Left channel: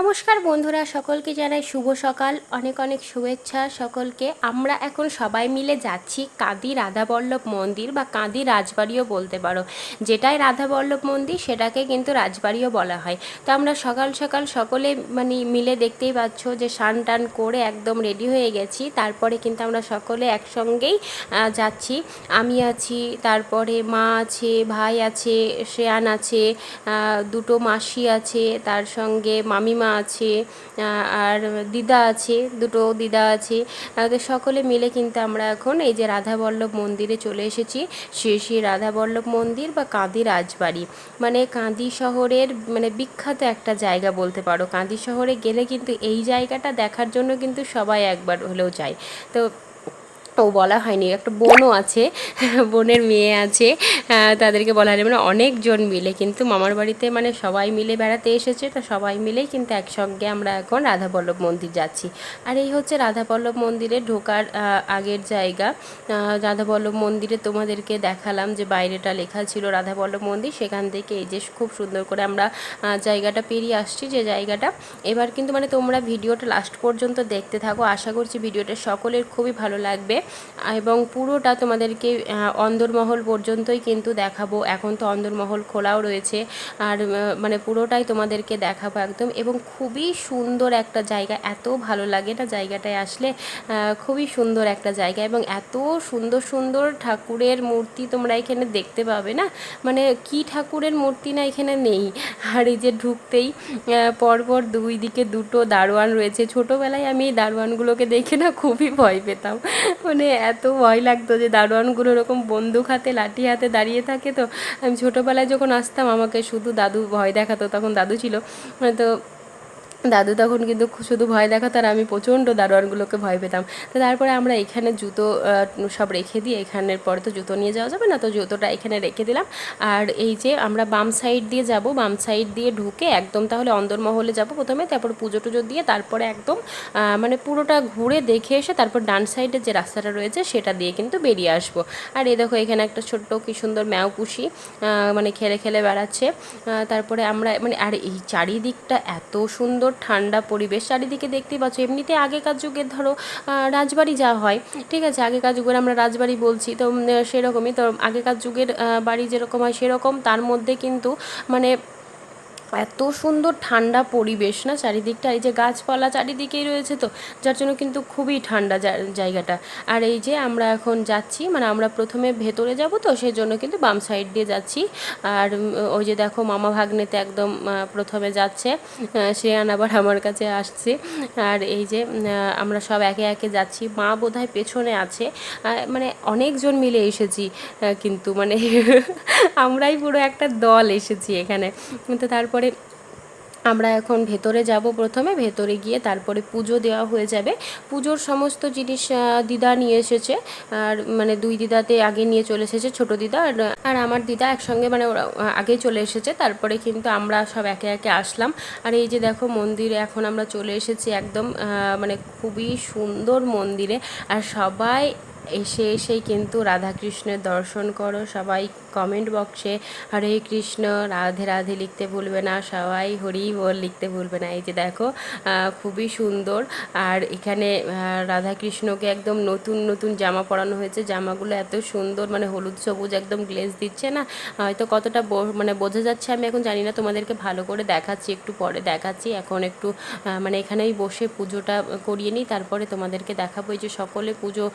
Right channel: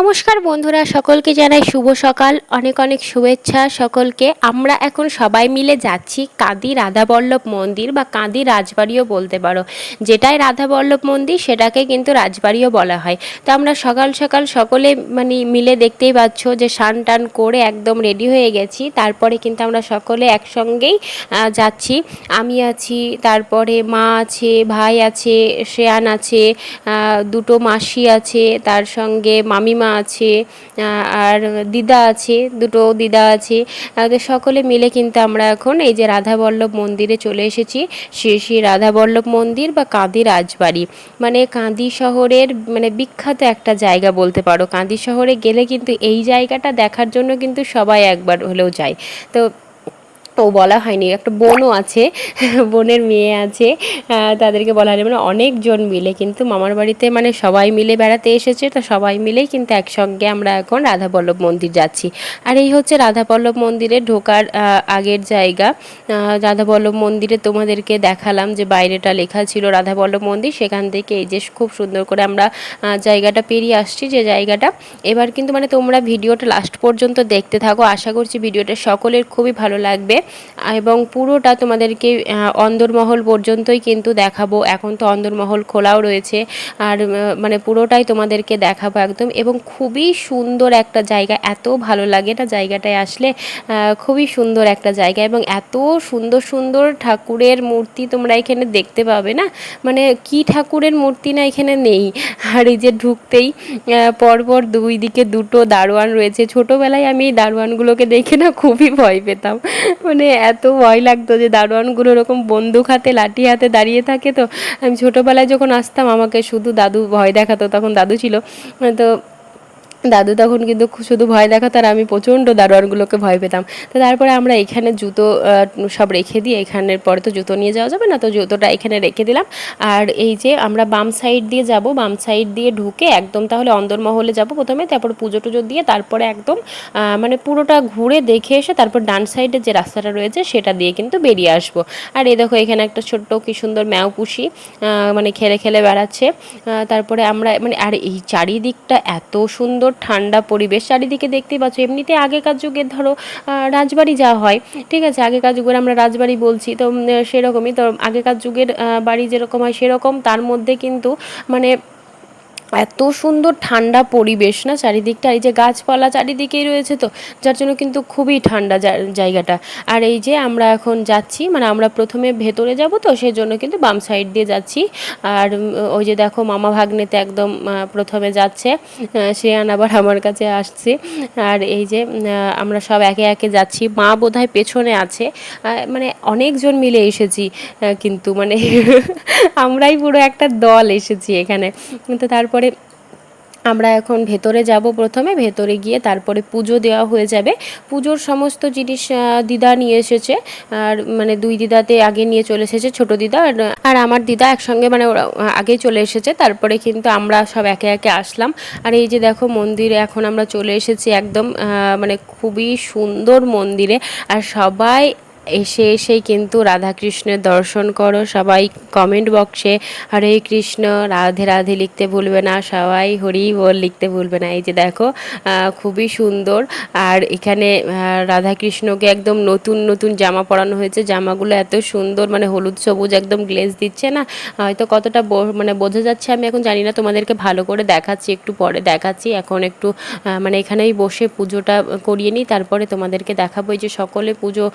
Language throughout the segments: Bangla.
নমস্কার বন্ধুরা, সকলকে জানাই শুভ সকাল। অনেক অনেক শুভেচ্ছা সকলকে। আমরা এখন সবাই মিলে যাচ্ছি কাঁদি রাধাবল্লভ মন্দির বা কাঁদি রাজবাড়িও বলতে পারো। যেটাই রাধাবল্লভ মন্দির, সেটাকে কিন্তু রাজবাড়িও বলা হয়। তো আমরা সকাল সকাল সকলে মানে মিলে দেখতেই পাচ্ছ যে স্নান টান করে একদম রেডি হয়ে গেছি। তারপরে কিন্তু আমরা সকলে একসঙ্গেই যাচ্ছি। আমি আছি, তারপরে মা আছে, ভাই আছে, শ্রেয়ান আছে দুটো মাসি আছে, তার সঙ্গে মামিমা আছে আর দিদা আছে, দুটো দিদা আছে তো সকলে মিলে কিন্তু আমরা এখন এই যে রাধাবল্লভ মন্দিরে চলে এসেছি সে শ্রী রাধাবল্লভ মন্দির বা কাঁদি রাজবাড়ি। মানে কাঁদি শহরের মানে বিখ্যাত একটা জায়গা বলতে পারো। কাঁদি শহরে গেলে কিন্তু এই জায়গাটা দেখার জন্য কিন্তু সবাই একবার হলেও যায়। তো ও বলা হয়নি, একটা বোনও আছে, বোনের মেয়ে আছে তাদেরকে বলা হয়নি মানে অনেকজন মিলে, কিন্তু মামার বাড়িতে মানে সবাই মিলে বেড়াতে এসেছে, তো সবাই মিলেই কিন্তু একসঙ্গে আমরা এখন রাধাবল্লভ মন্দির যাচ্ছি। আর এই হচ্ছে রাধাবল্লভ মন্দিরে ঢোকার আগের জায়গা। রাধাবল্লভ মন্দিরে তোমাদেরকে দেখালাম যে বাইরেটা লেখা ছিল রাধাবল্লভ মন্দির, সেখান থেকে এই যে খুব সুন্দর করে আমরা জায়গাটা পেরিয়ে আসছি যে জায়গাটা। এবার কিন্তু মানে তোমরা ভিডিওটা লাস্ট পর্যন্ত দেখতে থাকো, আশা করছি ভিডিওটা সকলের খুবই ভালো লাগবে। এবং পুরোটা তোমাদেরকে অন্দরমহল পর্যন্তই কিন্তু দেখাবো। এখন তো অন্দরমহল খোলাও রয়েছে। আর মানে পুরোটাই তোমাদেরকে দেখাবো একদম। এবং খুবই সুন্দর একটা জায়গা, এত ভালো লাগে না জায়গাটায় আসলে। খুবই সুন্দর একটা জায়গা এবং এত সুন্দর সুন্দর ঠাকুরের মূর্তি তোমরা এখানে দেখতে পাবে না? মানে কি ঠাকুরের মূর্তি না এখানে নেই? আর এই যে ঢুকতেই পরপর দুই দিকে দুটো দারোয়ান রয়েছে। ছোটোবেলায় আমি এই দারোয়ানগুলোকে দেখে না খুবই ভয় পেতাম। মানে এত ভয় লাগতো যে দারোয়ানগুলো ওরকম বন্দুক হাতে, লাঠি হাতে দাঁড়িয়ে থাকে তো আমি ছোটোবেলায় যখন আসতাম আমাকে শুধু দাদু ভয় দেখাতো, তখন দাদু ছিল। তো দাদু তখন কিন্তু শুধু ভয় দেখাতো আর আমি প্রচণ্ড দারোয়ানগুলোকে ভয় পেতাম। তো তারপরে আমরা এখানে জুতো সব রেখে দিয়ে এখানের পরে তো জুতো নিয়ে যাওয়া যাবে না, তো জুতোটা এখানে রেখে দিলাম। আর এই যে আমরা বাম সাইড দিয়ে যাব, বাম সাইড দিয়ে ঢুকে একদম তাহলে অন্দরমহলে যাব প্রথমে, তারপর পুজো টুজো দিয়ে তারপরে একদম মানে পুরোটা ঘুরে দেখে এসে তারপর ডান সাইডে যে রাস্তাটা রয়েছে সেটা দিয়ে কিন্তু বেরিয়ে আসব। আর এই দেখো এখানে একটা ছোট্ট কি সুন্দর ম্যাও পুষি মানে খেলে খেলে বেড়াচ্ছে। তারপরে আমরা মানে আর এই চারিদিকটা এত সুন্দর ঠান্ডা পরিবেশ। চারিদিকে দেখতে পাচ্ছ, এমনিতে আগেকার যুগে ধরো রাজবাড়ি যা হয়, ঠিক আছে? আগেকার যুগের আমরা রাজবাড়ি বলছি, তো সেরকমই। তো, আগেকার যুগের বাড়ি যেরকম হয় সেরকম, তার মধ্যে কিন্তু মানে এত সুন্দর ঠান্ডা পরিবেশ, না? চারিদিকটা, এই যে গাছপালা চারিদিকেই রয়েছে তো, যার জন্য কিন্তু খুবই ঠান্ডা জায়গাটা। আর এই যে আমরা এখন যাচ্ছি মানে আমরা প্রথমে ভেতরে যাব তো সেই জন্য কিন্তু বাম সাইড দিয়ে যাচ্ছি। আর ওই যে দেখো মামা ভাগ্নেতে একদম প্রথমে যাচ্ছে সে আবার আমার কাছে আসছে। আর এই যে আমরা সব একে একে যাচ্ছি। মা বোধহয় পেছনে আছে। মানে অনেকজন মিলে এসেছি কিন্তু মানে আমরাই পুরো একটা দল এসেছি এখানে। তো তারপরে আমরা এখন ভেতরে যাব প্রথমে, ভেতরে গিয়ে তারপরে পুজো দেওয়া হয়ে যাবে। পুজোর সমস্ত জিনিস দিদা নিয়ে এসেছে। আর মানে দুই দিদাতে আগে নিয়ে চলে এসেছে, ছোট দিদা আর আমার দিদা একসঙ্গে মানে ওরা আগেই চলে এসেছে। তারপরে কিন্তু আমরা সব একে একে আসলাম। আর এই যে দেখো মন্দিরে এখন আমরা চলে এসেছি একদম মানে খুবই সুন্দর মন্দিরে। আর সবাই এসে এসেই কিন্তু রাধাকৃষ্ণের দর্শন করো। সবাই কমেন্ট বক্সে হরে কৃষ্ণ, রাধে রাধে লিখতে ভুলবে না, সবাই হরি বল লিখতে ভুলবে না। এই যে দেখো খুবই সুন্দর। আর এখানে রাধাকৃষ্ণকে একদম নতুন নতুন জামা পরানো হয়েছে। জামাগুলো এত সুন্দর মানে হলুদ, সবুজ একদম গ্লেজ দিচ্ছে না। হয়তো কতটা মানে বোঝা যাচ্ছে, আমি এখন জানি না। তোমাদেরকে ভালো করে দেখাচ্ছি, একটু পরে দেখাচ্ছি। এখন একটু মানে এখানেই বসে পুজোটা করিয়ে নিই। তারপরে তোমাদেরকে দেখাবো। এই যে সকলে পুজো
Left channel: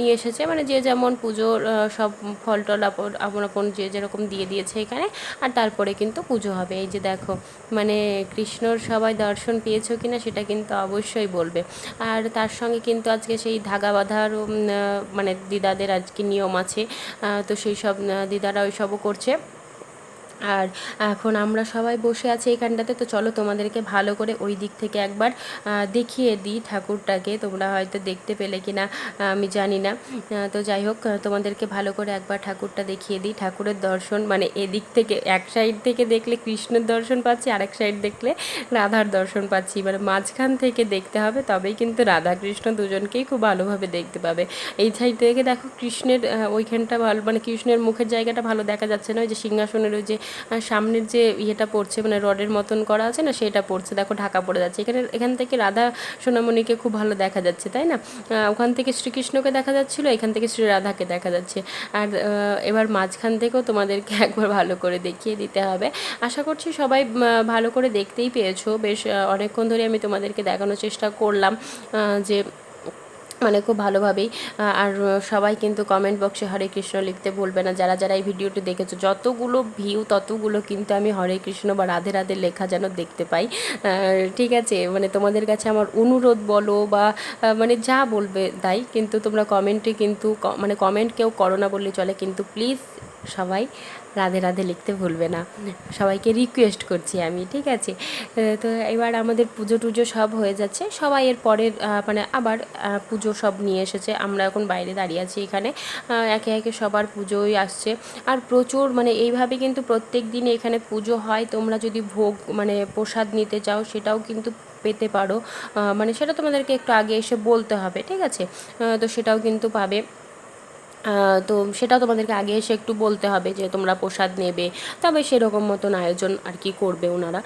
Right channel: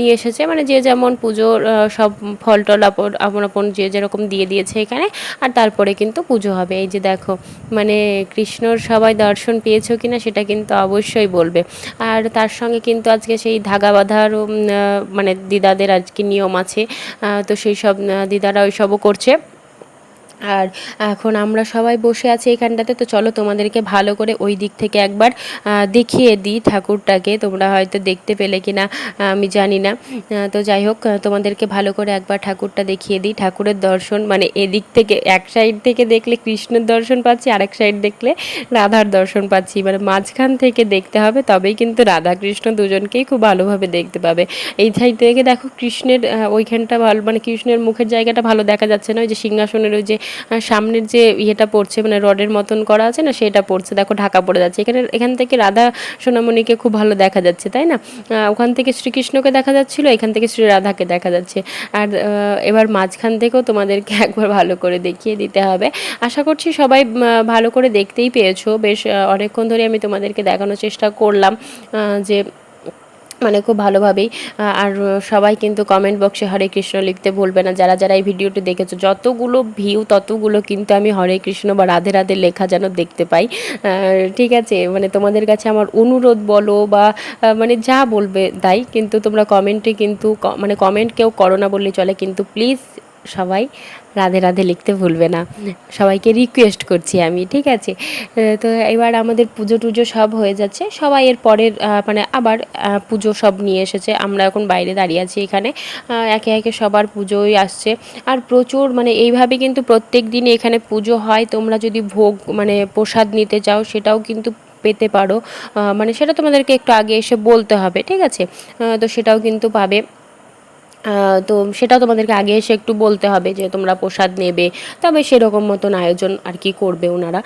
নিয়ে এসেছে মানে যে যেমন পুজোর সব ফল টল আপন আপন আপন যে যেরকম দিয়ে দিয়েছে এখানে, আর তারপরে কিন্তু পুজো হবে। এই যে দেখো মানে কৃষ্ণর সবাই দর্শন পেয়েছ কিনা সেটা কিন্তু অবশ্যই বলবে। আর তার সঙ্গে কিন্তু আজকে সেই ধাগা বাঁধারও মানে দিদাদের আজকে নিয়ম আছে তো সেই সব দিদারা ওই সবও করছে। আর এখন আমরা সবাই বসে আছি এখানটাতে, তো চলো তোমাদেরকে ভালো করে ওই দিক থেকে একবার দেখিয়ে দিই ঠাকুরটাকে, তোমরা হয়তো দেখতে পেলে কি না আমি জানি না। তো যাই হোক তোমাদেরকে ভালো করে একবার ঠাকুরটা দেখিয়ে দিই, ঠাকুরের দর্শন মানে এদিক থেকে, এক সাইড থেকে দেখলে কৃষ্ণের দর্শন পাচ্ছি, আরেক সাইড দেখলে রাধার দর্শন পাচ্ছি। মানে মাঝখান থেকে দেখতে হবে, তবেই কিন্তু রাধা কৃষ্ণ দুজনকেই খুব ভালোভাবে দেখতে পাবে। এই সাইড থেকে দেখো কৃষ্ণের ওইখানটা ভালো মানে কৃষ্ণের মুখের জায়গাটা ভালো দেখা যাচ্ছে না, ওই যে সিংহাসনের ওই যে সামনের যে ইয়েটা পড়ছে মানে রডের মতন করা আছে না, সেটা পড়ছে। দেখো, ঢাকা পড়ে যাচ্ছে। এখানে, এখান থেকে রাধা সোনামণিকে খুব ভালো দেখা যাচ্ছে, তাই না? ওখান থেকে শ্রীকৃষ্ণকে দেখা যাচ্ছিল, এখান থেকে শ্রী রাধাকে দেখা যাচ্ছে। আর এবার মাঝখান থেকেও তোমাদেরকে একবার ভালো করে দেখিয়ে দিতে হবে। আশা করছি সবাই ভালো করে দেখতেই পেয়েছ। বেশ অনেকক্ষণ ধরে আমি তোমাদেরকে দেখানোর চেষ্টা করলাম যে মানে খুব ভালোভাবেই আর সবাই কিন্তু কমেন্ট বক্সে হরে কৃষ্ণ লিখতে ভুলবে না। যারা যারা এই ভিডিওটি দেখেছ, যতগুলো ভিউ ততগুলো কিন্তু আমি হরে কৃষ্ণ বা রাধে রাধে লেখা যেন দেখতে পাই। ঠিক আছে? মানে তোমাদের কাছে আমার অনুরোধ বলো বা মানে যা বলবে তাই, কিন্তু তোমরা কমেন্টে কিন্তু মানে কমেন্ট কেউ করো না বললে চলে। কিন্তু প্লিজ সবাই রাধে রাধে লিখতে ভুলবে না। সবাইকে রিকোয়েস্ট করছি আমি, ঠিক আছে? তো এবার আমাদের পুজো টুজো সব হয়ে যাচ্ছে। সবাই এর পরের মানে আবার পুজো সব নিয়ে এসেছে। আমরা এখন বাইরে দাঁড়িয়ে আছি এখানে। একে একে সবার পুজোই আসছে। আর প্রচুর মানে এইভাবে কিন্তু প্রত্যেক দিন এখানে পুজো হয়। তোমরা যদি ভোগ মানে প্রসাদ নিতে চাও, সেটাও কিন্তু পেতে পারো। মানে সেটা তোমাদেরকে একটু আগে এসে বলতে হবে, ঠিক আছে? তো সেটাও কিন্তু পাবে। তো সেটা তোমাদেরকে আগে এসে একটু বলতে হবে যে তোমরা প্রসাদ নেবে। তবে সেরকম মতন আয়োজন আর কি করবে ওনারা।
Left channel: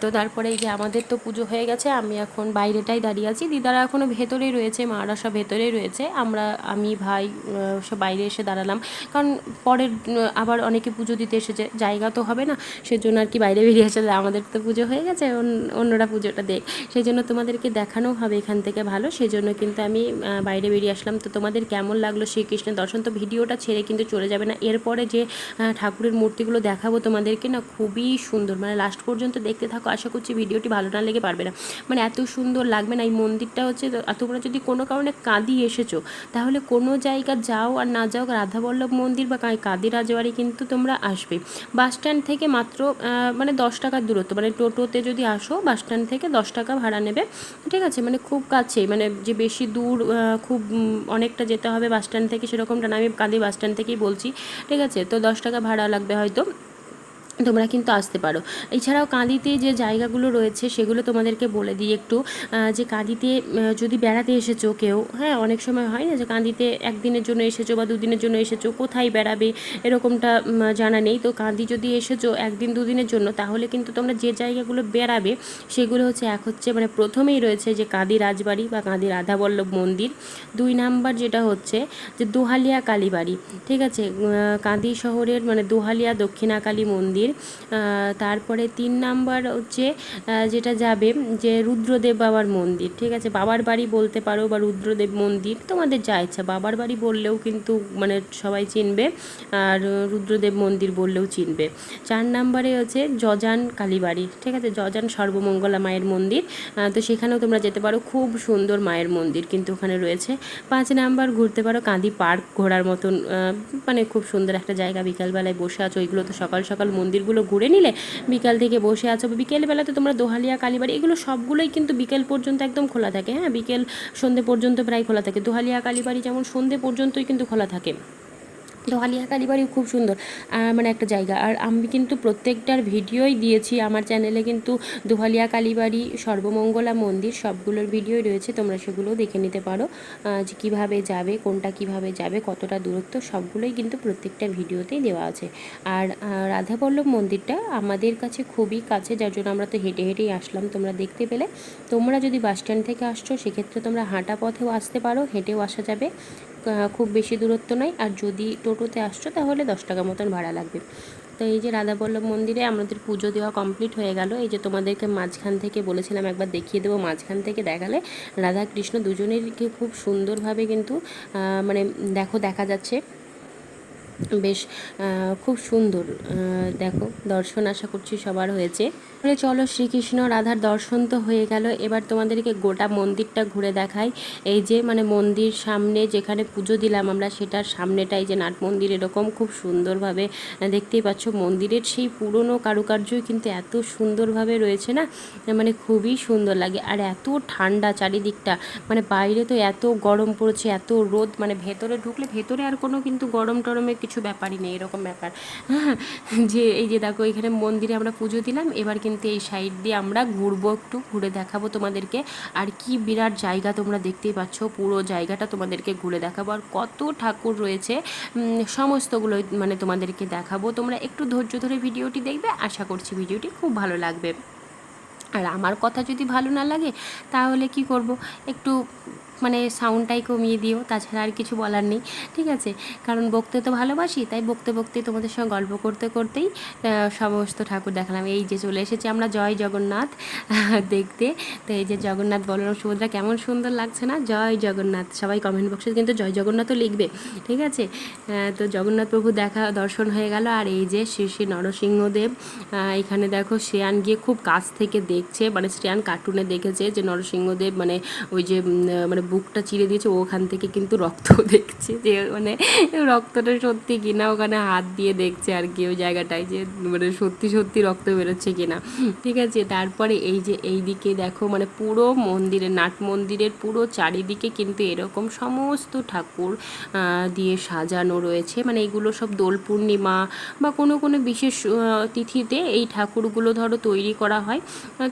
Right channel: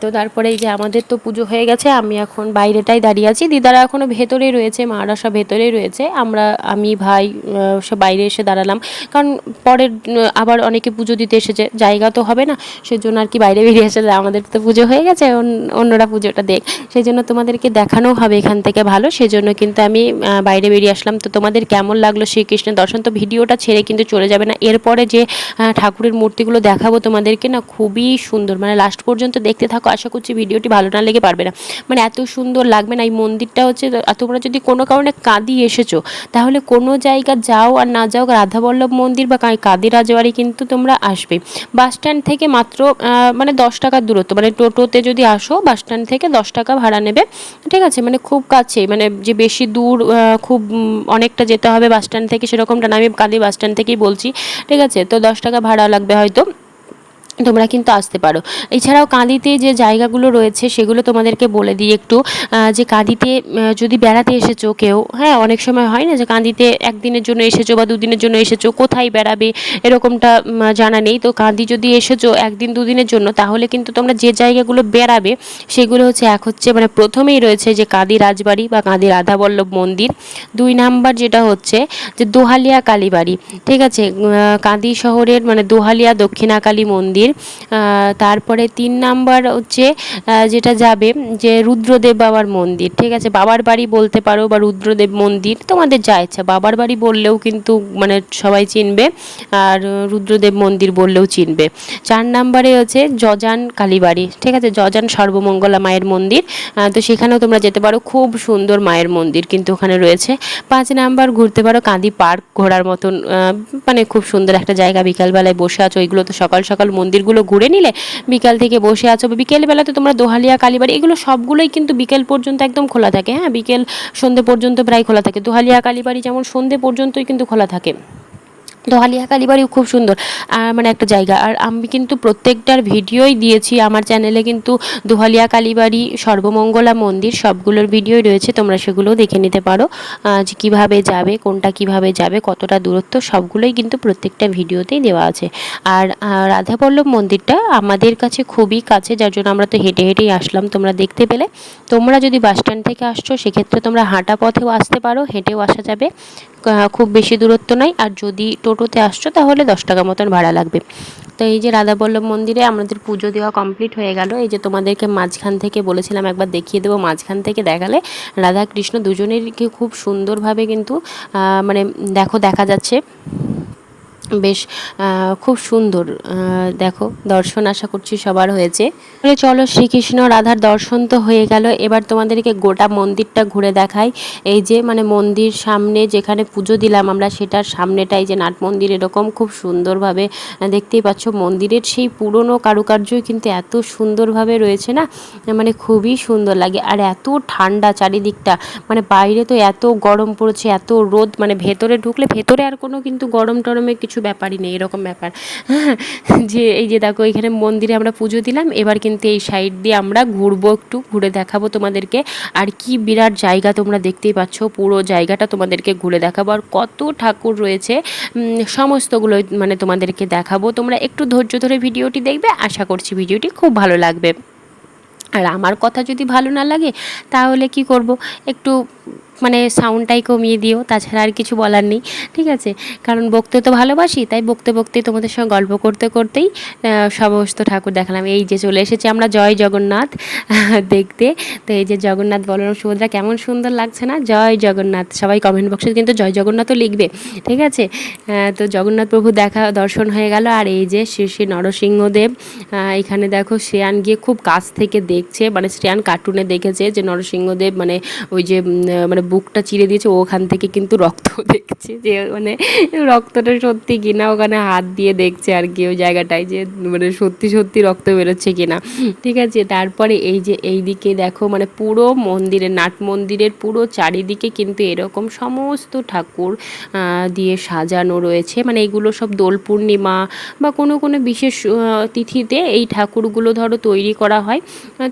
তো তারপরে এই যে আমাদের তো পুজো হয়ে গেছে, আমি এখন বাইরেটাই দাঁড়িয়ে আছি। দিদারা এখনও ভেতরেই রয়েছে, মারা সব ভেতরেই রয়েছে। আমরা, আমি, ভাই সব বাইরে এসে দাঁড়ালাম। কারণ পরের আবার অনেকে পুজো দিতে এসেছে, জায়গা তো হবে না। সেজন্য আর কি বাইরে বেরিয়ে এসে যে, আমাদের তো পুজো হয়ে গেছে, অন- অন্যরা পুজোটা দেখ। সেই জন্য তোমাদেরকে দেখানো হবে এখান থেকে ভালো। সেজন্য কিন্তু আমি বাইরে বেরিয়ে আসলাম। তো তোমাদের কেমন লাগল? শ্রীকৃষ্ণের দর্শন তো ভিডিওটা ছেড়ে কিন্তু চলে যাবে না। এরপরে যে ঠাকুরের মূর্তিগুলো দেখাবো তোমাদেরকে না, খুবই সুন্দর। মানে লাস্ট পর্যন্ত দেখতে থাকো, আশা করছি ভিডিওটি ভালো না লেগে পারবে না। মানে এত সুন্দর লাগবে না, এই মন্দিরটা হচ্ছে তোমরা যদি কোনো কারণে কাঁদি এসেছ, তাহলে কোনো জায়গা যাও আর না যাও, রাধাবল্লভ মন্দির বা কাঁদি রাজবাড়ি কিন্তু তোমরা আসবে। বাস স্ট্যান্ড থেকে মাত্র মানে দশ টাকার দূরত্ব মানে টোটোতে যদি আসো, বাস স্ট্যান্ড থেকে দশ টাকা ভাড়া নেবে। ঠিক আছে? মানে খুব কাছে মানে যে বেশি দূর খুব অনেকটা যেতে হবে বাস স্ট্যান্ড থেকে সেরকমটা না, আমি কাঁদি বাস স্ট্যান্ড থেকেই বলছি, ঠিক আছে? তো দশ টাকা ভাড়া লাগবে হয়তো। তোমরা কিন্তু আসতে পারো। এছাড়াও কাঁদিতে যে জায়গাগুলো রয়েছে, সেগুলো তোমাদেরকে বলে দিই একটু। যে কাঁদিতে যদি বেড়াতে এসেছ কেউ হ্যাঁ অনেক সময় হয় না যে কাঁদিতে একদিনের জন্য এসেছ বা দুদিনের জন্য এসেছ, কোথায় বেড়াবে, এরকমটা জানা নেই। তো কাঁদি যদি এসেছ একদিন দুদিনের জন্য, তাহলে কিন্তু তোমরা যে জায়গাগুলো বেড়াবে, সেগুলো হচ্ছে এক হচ্ছে মানে প্রথমেই রয়েছে যে কাঁদি রাজবাড়ি বা কাঁদি রাধাবল্লভ মন্দির। দুই নাম্বার যেটা হচ্ছে যে দোহালিয়া কালীবাড়ি, ঠিক আছে? কাঁদি শহরের মানে দোহালিয়া দক্ষিণাকালী মন্দির। তারপরে তিন নাম্বার হচ্ছে যেটা যাবে, যে রুদ্রদেব বাবার মন্দির, ঠিক আছে? বাবার বাড়ি বলতে পারো বা রুদ্রদেব মন্দির, তোমাদের যা ইচ্ছা। বাবার বাড়ি বললেও কিন্তু মানে সবাই চিনবে, আর রুদ্রদেব মন্দির বললেও চিনবে। চার নাম্বারে হচ্ছে জজান কালীবাড়ি, ঠিক আছে? জজান সর্বমঙ্গলা মায়ের মন্দির তো সেখানেও তোমরা যেতে পারো। খুব সুন্দর মায়ের মন্দির কিন্তু ওখানে রয়েছে। পাঁচ নাম্বার ঘুরতে পারো কাঁদি পার্ক ঘোরার মতন মানে খুব সুন্দর একটা জায়গা। বিকালবেলায় বসে আছো ওইগুলো তো সকাল সকাল মন্দিরগুলো ঘুরে নিলে বিকাল থেকে বসে আছো বা বিকেলবেলাতে তোমরা দোহালিয়া, কালীবাড়ি, এগুলো সবগুলোই কিন্তু বিকেল পর্যন্ত একদম খোলা থাকে। হ্যাঁ বিকেল সন্ধে পর্যন্ত প্রায় খোলা থাকে। দোহালিয়া, কালীবাড়ি যেমন সন্ধে পর্যন্তই কিন্তু খোলা থাকে। দোহালিয়া কালীবাড়িও খুব সুন্দর আর মানে একটা জায়গা। আর আমি কিন্তু প্রত্যেকটার ভিডিওই দিয়েছি আমার চ্যানেলে কিন্তু দোহালিয়া কালীবাড়ি সর্বমঙ্গলা মন্দির সবগুলোর ভিডিওই রয়েছে তোমরা সেগুলোও দেখে নিতে পারো যে কীভাবে যাবে কোনটা কীভাবে যাবে কতটা দূরত্ব সবগুলোই কিন্তু প্রত্যেকটা ভিডিওতেই দেওয়া আছে। আর আহ, রাধাবল্লভ মন্দিরটা আমাদের কাছে খুবই কাছে যার জন্য আমরা তো হেঁটে হেঁটেই আসলাম তোমরা দেখতে পেলে। তোমরা যদি বাস স্ট্যান্ড থেকে আসছো সেক্ষেত্রে তোমরা হাঁটা পথেও আসতে পারো হেঁটেও আসা যাবে। খুব বেশি দূরত্ব নয় আর যদি টোটোতে আসছো, তাহলে দশ টাকা মতন ভাড়া লাগবে। তো এই যে রাধাবল্লভ মন্দিরে আমাদের পুজো দেওয়া কমপ্লিট হয়ে গেল। এই যে তোমাদেরকে মাঝখান থেকে বলেছিলাম, একবার দেখিয়ে দেবো মাঝখান থেকে দেখালে। রাধা কৃষ্ণ দুজনেরকে খুব সুন্দরভাবে কিন্তু মানে দেখো, দেখা যাচ্ছে। বেশ খুব সুন্দর দেখো, দর্শন আশা করছি সবার হয়েছে। তাহলে চলো শ্রীকৃষ্ণ রাধার দর্শন তো হয়ে গেল। এবার তোমাদেরকে গোটা মন্দিরটা ঘুরে দেখাই। এই যে মানে মন্দির সামনে যেখানে পুজো দিলাম আমরা, সেটার সামনেটাই যে নাট মন্দির, এরকম খুব সুন্দরভাবে দেখতেই পাচ্ছ মন্দিরের সেই পুরনো কারুকার্যই কিন্তু এত সুন্দরভাবে রয়েছে না মানে খুবই সুন্দর লাগে। আর এত ঠান্ডা চারিদিকটা মানে বাইরে তো এত গরম পড়েছে, এত রোদ মানে ভেতরে ঢুকলে, ভেতরে আর কোনো কিন্তু গরম টরমের কিছু ব্যাপারই নেই, এরকম ব্যাপার। যে এই যে দেখো, এখানে মন্দিরে আমরা পুজো দিলাম, এবার কিন্তু এই সাইড দিয়ে আমরা ঘুরবো একটু, ঘুরে দেখাবো তোমাদেরকে। আর কি বিরাট জায়গা তোমরা দেখতেই পাচ্ছ, পুরো জায়গাটা তোমাদেরকে ঘুরে দেখাবো। আর কত ঠাকুর রয়েছে সমস্তগুলো মানে তোমাদেরকে দেখাবো। তোমরা একটু ধৈর্য ধরে ভিডিওটি দেখবে, আশা করছি ভিডিওটি খুব ভালো লাগবে। আর আমার কথা যদি ভালো না লাগে, তাহলে কি করব? একটু মানে সাউন্ডটাই কমিয়ে দিও, তাছাড়া আর কিছু বলার নেই, ঠিক আছে? কারণ বকতে তো ভালোবাসি, তাই বকতে বকতে তোমাদের সঙ্গে গল্প করতে করতেই সমস্ত ঠাকুর দেখালাম। এই যে চলে এসেছি আমরা জয় জগন্নাথ, দেখতে। তো এই যে জগন্নাথ বলরাম সুভদ্রা কেমন সুন্দর লাগছে না? জয় জগন্নাথ। সবাই কমেন্ট বক্সে কিন্তু জয় জগন্নাথও লিখবে, ঠিক আছে? তো জগন্নাথ প্রভু দেখা, দর্শন হয়ে গেল। আর এই যে শ্রী শ্রী নরসিংহদেব এখানে দেখো শ্রেয়ান গিয়ে খুব কাছ থেকে দেখছে মানে শ্রেয়ান কার্টুনে দেখেছে যে নরসিংহদেব মানে ওই যে মানে বুকটা চিরে দিয়েছে ওখান থেকে কিন্তু রক্ত দেখছে যে মানে রক্তটা সত্যি কিনা, ওখানে হাত দিয়ে দেখছে আর কি ওই জায়গাটায় যে মানে সত্যি সত্যি রক্ত বেরোচ্ছে কিনা। ঠিক আছে, তারপরে এই যে এই দিকে দেখো মানে পুরো মন্দিরের নাট মন্দিরের পুরো চারিদিকে কিন্তু এরকম সমস্ত ঠাকুর দিয়ে সাজানো রয়েছে। মানে এগুলো সব দোল পূর্ণিমা বা কোনো কোনো বিশেষ তিথিতে এই ঠাকুরগুলো ধরো তৈরি করা হয়।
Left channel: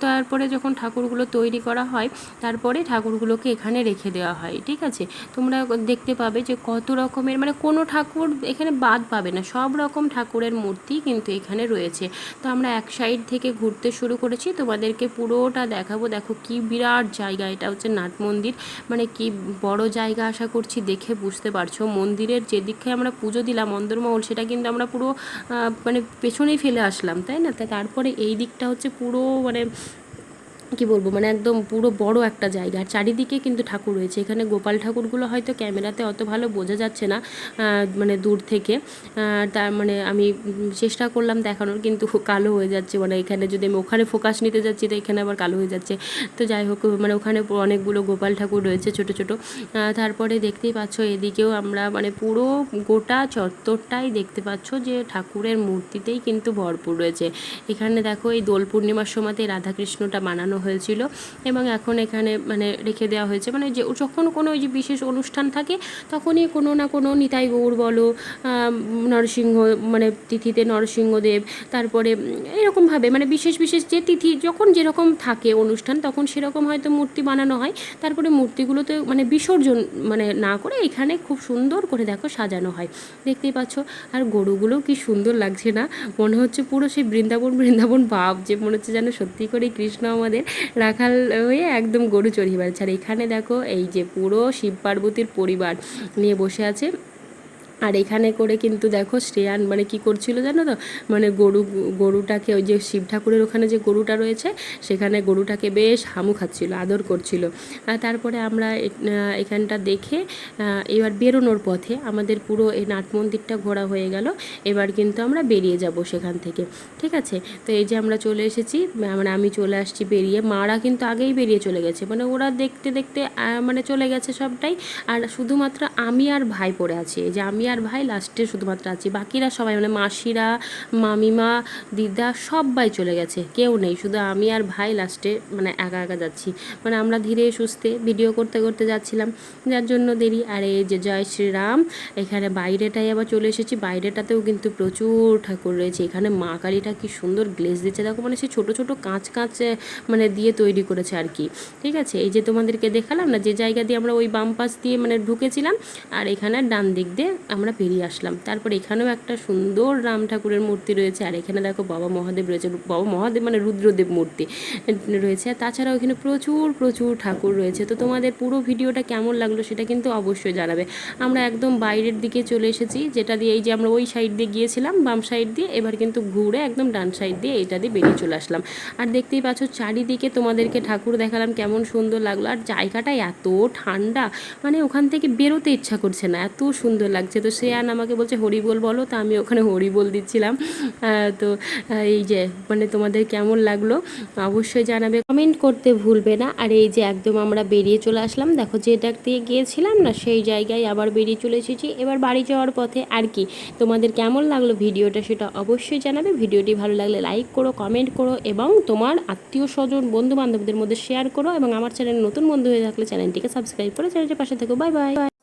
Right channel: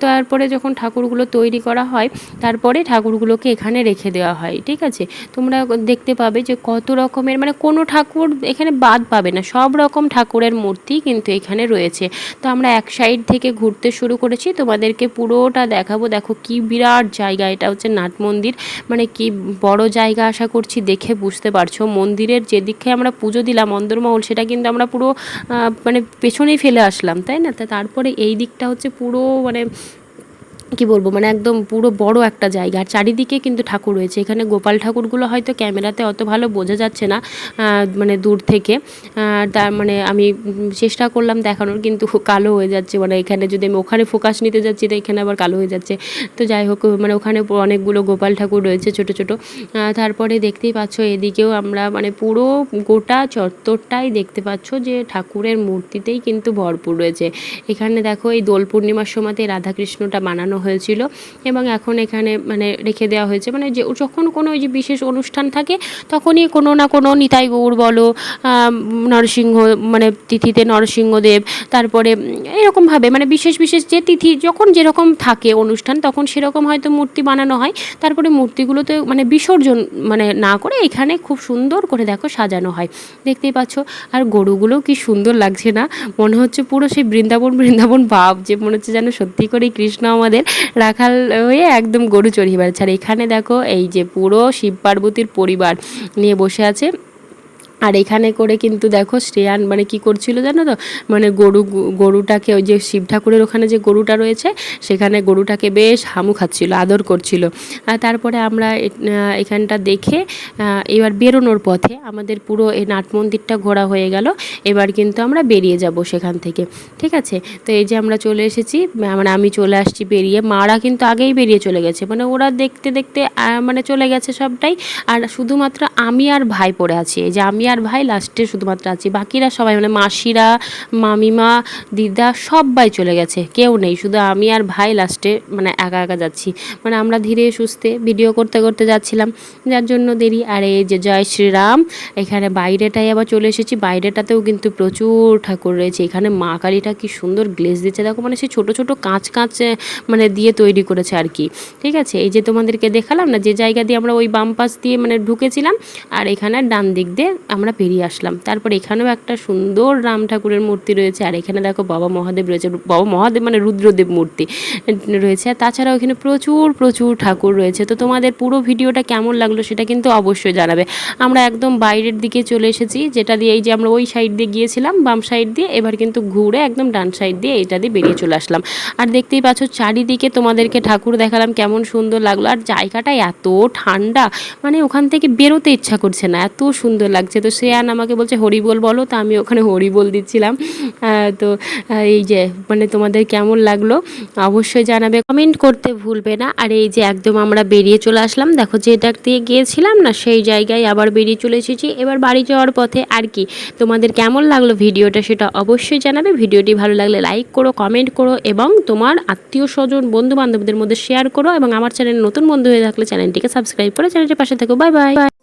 তারপরে যখন ঠাকুরগুলো তৈরি করা হয়, তারপরে ঠাকুরগুলোকে এখানে রেখে দেওয়া হয়, ঠিক আছে? তোমরা দেখতে পাবে যে কত রকমের মানে কোনো ঠাকুর এখানে বাদ পাবে না, সব রকম ঠাকুরের মূর্তি কিন্তু এখানে রয়েছে। তো আমরা এক সাইড থেকে ঘুরতে শুরু করেছি, তোমাদেরকে পুরোটা দেখাবো। দেখো কি বিরাট জায়গা, এটা হচ্ছে নাট মন্দির। মানে কি বড় জায়গা আশা করছি দেখে বুঝতে পারছ। মন্দিরের যেদিকে আমরা পুজো দিলাম, অন্দরমহল, সেটা কিন্তু আমরা পুরো মানে পেছনেই ফেলে আসলাম, তাই না? তা তারপরে এই দিকটা হচ্ছে পুরো মানে কি বলব মানে একদম পুরো বড় একটা জায়গা। আর চারিদিকে কিন্তু ঠাকুর রয়েছে। এখানে গোপাল ঠাকুরগুলো হয়তো ক্যামেরাতে অত ভালো বোঝা যাচ্ছে না মানে দূর থেকে। তার মানে আমি চেষ্টা করলাম দেখানোর, কিন্তু কালো হয়ে যাচ্ছে। মানে এখানে যদি আমি ওখানে ফোকাস নিতে যাচ্ছি, তো এখানে আবার কালো হয়ে যাচ্ছে। তো যাই হোক মানে ওখানে অনেকগুলো গোপাল ঠাকুর রয়েছে, ছোট ছোট। তারপরে দেখতেই পাচ্ছ, এদিকেও আমরা মানে পুরো গোটা চত্বরটাই দেখতে পাচ্ছ যে ঠাকুরের মূর্তিতেই কিন্তু ভরপুর রয়েছে। এখানে দেখো, এই দোল পূর্ণিমার সময়তে রাধাকৃষ্ণটা বানানো হয়েছিল এবং এখন এখানে মানে রেখে দেওয়া হয়েছে। মানে যে যখন কোনো ওই যে বিশেষ অনুষ্ঠান থাকে, তখনই কোনো না কোনো নিতাই গৌর বলো নরসিংহ মানে তিথিতে নরসিংহদেব, তারপরে এরকমভাবে মানে বিশেষ বিশেষ যে তিথি যখন যেরকম থাকে অনুষ্ঠান, তখন সেরকম হয়তো মূর্তি বানানো হয়। তারপরে মূর্তিগুলোতে মানে বিসর্জন মানে না করে এখানে খুব সুন্দর করে দেখো সাজানো হয়। দেখতেই পাচ্ছ, আর গরুগুলো কি সুন্দর লাগছে না। মনে হচ্ছে পুরো সেই বৃন্দাবন বৃন্দাবন ভাব যে মনে হচ্ছে যেন সত্যি করেই কৃষ্ণ আমাদের। রাখাল হয়ে একদম গরু চড়িয়ে বেড়াচ্ছে আর এখানে দেখো এই যে পুরো শিব পার্বতীর পরিবার নিয়ে বসে আছে। আর এখানে করে কিন্তু দেখো শ্রেয়ান মানে কি করছিল জানো তো? মানে গরু গরুটাকে ওই যে শিব ঠাকুরের ওখানে যে গরুটা রয়েছে, সেখানে গরুটাকে বেশ হামু খাচ্ছিল, আদর করছিল। আর তারপরে আমরা এখানটা দেখে এবার বেরোনোর পথে আমাদের পুরো এই নাট মন্দিরটা ঘোরা হয়ে গেল। এবার কিন্তু আমরা বেরিয়ে যাব সেখান থেকে, ঠিক আছে? তো এই যে আমরা চলে এসেছি মানে আমি চলে আসছি বেরিয়ে, মারা কিন্তু আগেই বেরিয়ে চলে গেছে। মানে ওরা দেখতে দেখতে মানে চলে গেছে সবটাই। আর শুধুমাত্র আমি আর ভাই পড়ে আছি, এই যে আমি আর ভাই লাস্টে শুধুমাত্র আছি। বাকিরা সবাই মানে মাসিরা, মামিমা, দিদা সবাই চলে গেছে, কেউ নেই। শুধু আমি আর ভাই লাস্টে মানে একা একা যাচ্ছি। মানে আমরা ধীরে সুস্থে ভিডিও করতে করতে যাচ্ছিলাম। যার জন্য দেরি। আর এই যে জয় শ্রীরাম, এখানে বাইরেটাই আবার চলে এসেছি। বাইরেটাতেও কিন্তু প্রচুর ঠাকুর রয়েছে। এখানে মা কালীটা কি সুন্দর গ্লেজ দিচ্ছে। দেখো মানে সেই ছোটো ছোটো কাঁচ কাঁচ মানে দিয়ে তৈরি করেছে আর কি। ঠিক আছে? এই যে তোমাদেরকে দেখালাম না, যে জায়গা দিয়ে আমরা ওই বাম পাশ দিয়ে মানে ঢুকেছিলাম, আর এখানে ডান দিক দিয়ে আমরা পেরিয়ে আসলাম। তারপর এখানেও একটা সুন্দর রাম ঠাকুরের মূর্তি রয়েছে। আর এখানে দেখো বাবা মহাদেব রয়েছে। বাবা মহাদেব মানে রুদ্রদেব মূর্তি রয়েছে। আর তাছাড়াও এখানে প্রচুর প্রচুর ঠাকুর রয়েছে। তো তোমাদের পুরো ভিডিওটা কেমন লাগল সেটা কিন্তু অবশ্যই জানাবে। আমরা একদম বাইরের দিকে চলে এসেছি, যেটা দিয়ে এই যে আমরা ওই সাইড দিয়ে গিয়েছিলাম, বাম সাইড দিয়ে, এবার কিন্তু ঘুরে একদম ডান সাইড দিয়ে এটা দিয়ে বেরিয়ে চলে আসলাম। আর দেখতেই পাচ্ছ চারিদিকে তোমাদেরকে ঠাকুর দেখালাম, কেমন সুন্দর লাগল। আর জায়গাটা এত ঠান্ডা মানে ওখান থেকে বেরোতে ইচ্ছা করছে না, এত সুন্দর লাগছে। তো শ্রেয়ান আমাকে বলছে হরিবোল বলো তো আমি ওখানে হরিবোল দিচ্ছিলাম। তো এই যে মানে তোমাদের কেমন লাগল অবশ্যই জানাবে। কমেন্ট করতে ভুলবে না। আর এই যে, একদম আমরা বেরিয়ে চলে আসলাম। দেখো, যেটা দিয়ে গিয়েছিলাম না, সেই জায়গায় আবার বেরিয়ে চলে এসেছি। এবার বাড়ি যাওয়ার পথে আর কি। তোমাদের কেমন লাগল ভিডিওটা সেটা অবশ্যই জানাবে। ভিডিওটি ভালো লাগলে লাইক করো, কমেন্ট করো এবং তোমার আত্মীয় স্বজন বন্ধু বান্ধবদের মধ্যে শেয়ার করো এবং আমার চ্যানেল নতুন বন্ধু হয়ে থাকলে চ্যানেলটিকে সাবস্ক্রাইব করে চ্যানেলটির পাশে থাকো। Bye bye.